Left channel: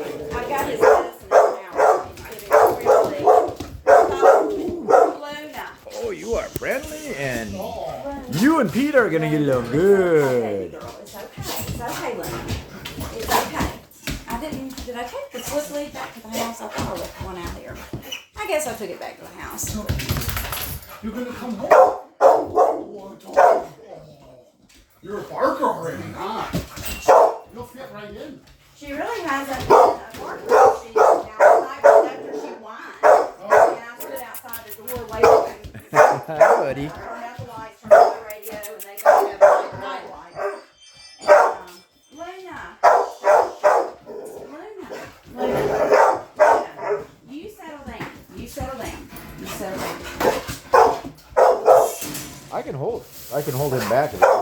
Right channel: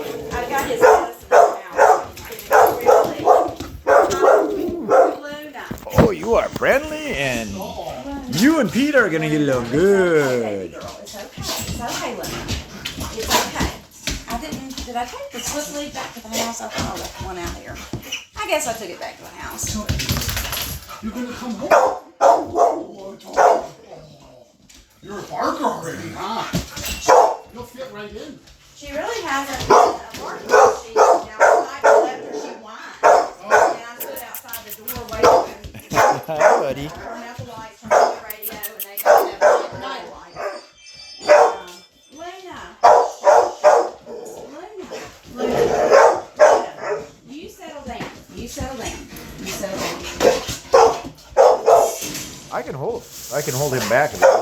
I've got his medicine now. He's getting really Luna. Oh, you are friendly, and you and Peter are gonna get along good. It's okay. It's okay, Luna. It's okay. Did I take the slip leaf back to the house? I thought I left one out here. I guess I took it back to the house. You're gonna come home. You're a barker already, huh? You'll fit right in. She really hasn't been a barker. She outside left her, she whined. And I stood outside the door waiting. Hi, buddy. Turn out the lights, turn on the radio, and they got that night light. Luna, you settle down. You settle down. You settle down. I can hold him back if you want.